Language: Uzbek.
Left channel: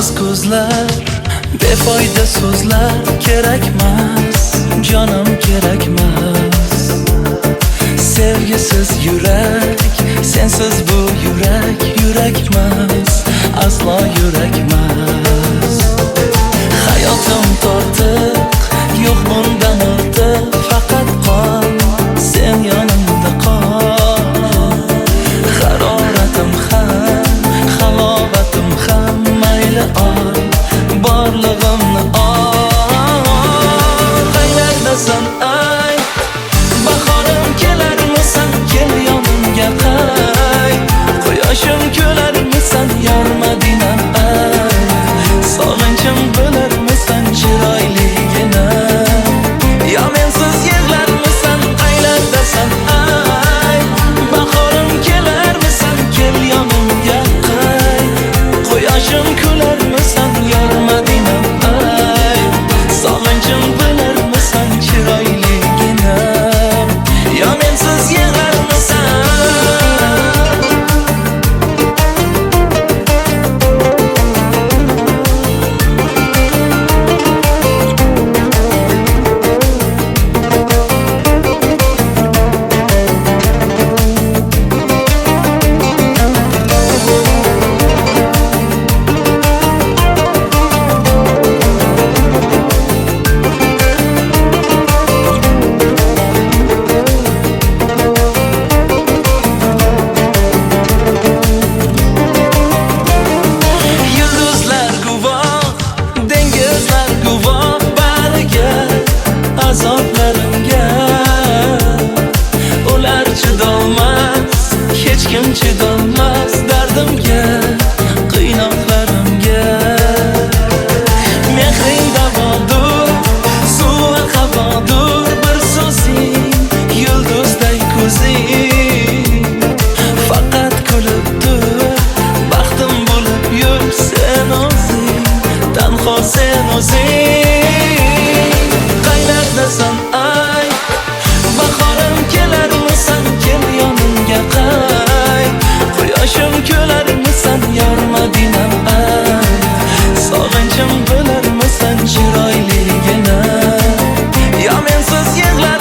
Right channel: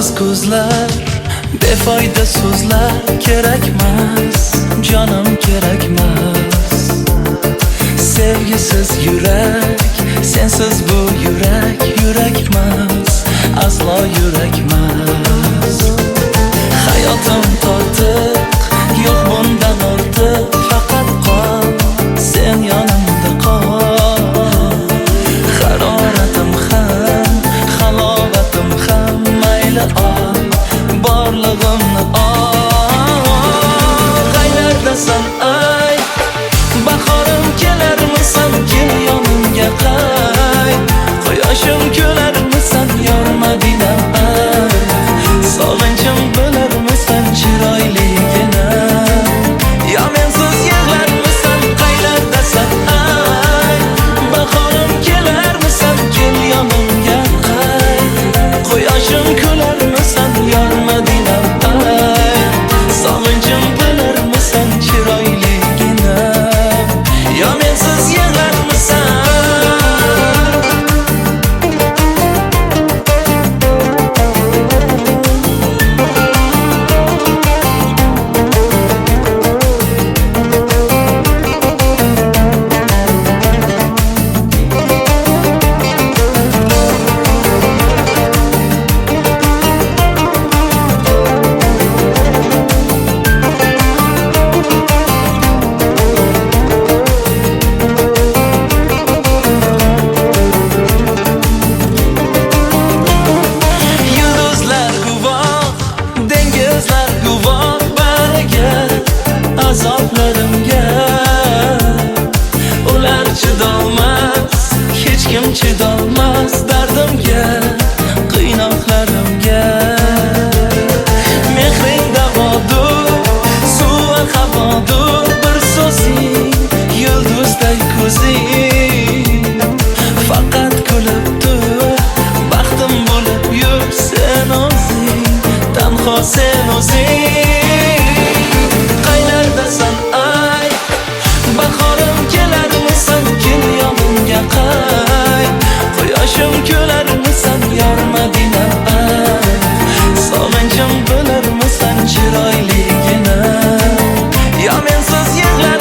Yo'lsiz ko'zlar, befoyda so'zlar kerakmas, jonim kerakmas. Sevgisiz yurak, sensiz bu yurak yurakmas, aslo yurakmas. Hayotim tortiq, yo'q bundan ortiq, faqat qol, sen yonimda qol. Haroratim ham, halovatim ham, mayli ol, borlig'imni ol. Qaylardasan ay, bahorim kelarmisan, kel yonimga qayt. Quyoshim kularmisan, yor Madinam ay. Sog'inchim bo'larmisan, chiroyligina. Yo mensiz yig'larmisan, qaylardasan ay. Bahorim kelarmisan, kel yonimga qayt. Quyoshim kularmisan, yor Madinam ay. Sog'inchim bo'larmisan, chiroyligina. Yo mensiz yig'larmisan. Dengizlar guvoh bariga, azoblarimga. Ular chidolmas, hech kim chidolmas dardimga, qiynoqlarimga. Mehring davodur, suvi havodur, bir so'zing, yulduzday ko'zing. Faqat kulib tur, baxtim bo'lib yur sen o'zing. Tanho sen o'zing. Qaylardasan ay, bahorim kelarmisan, kel yonimga qayt. Quyoshim kularmisan, yor Madinam ay. Sog'inchim bo'larmisan, chiroyligina. Yo mensiz yig'lar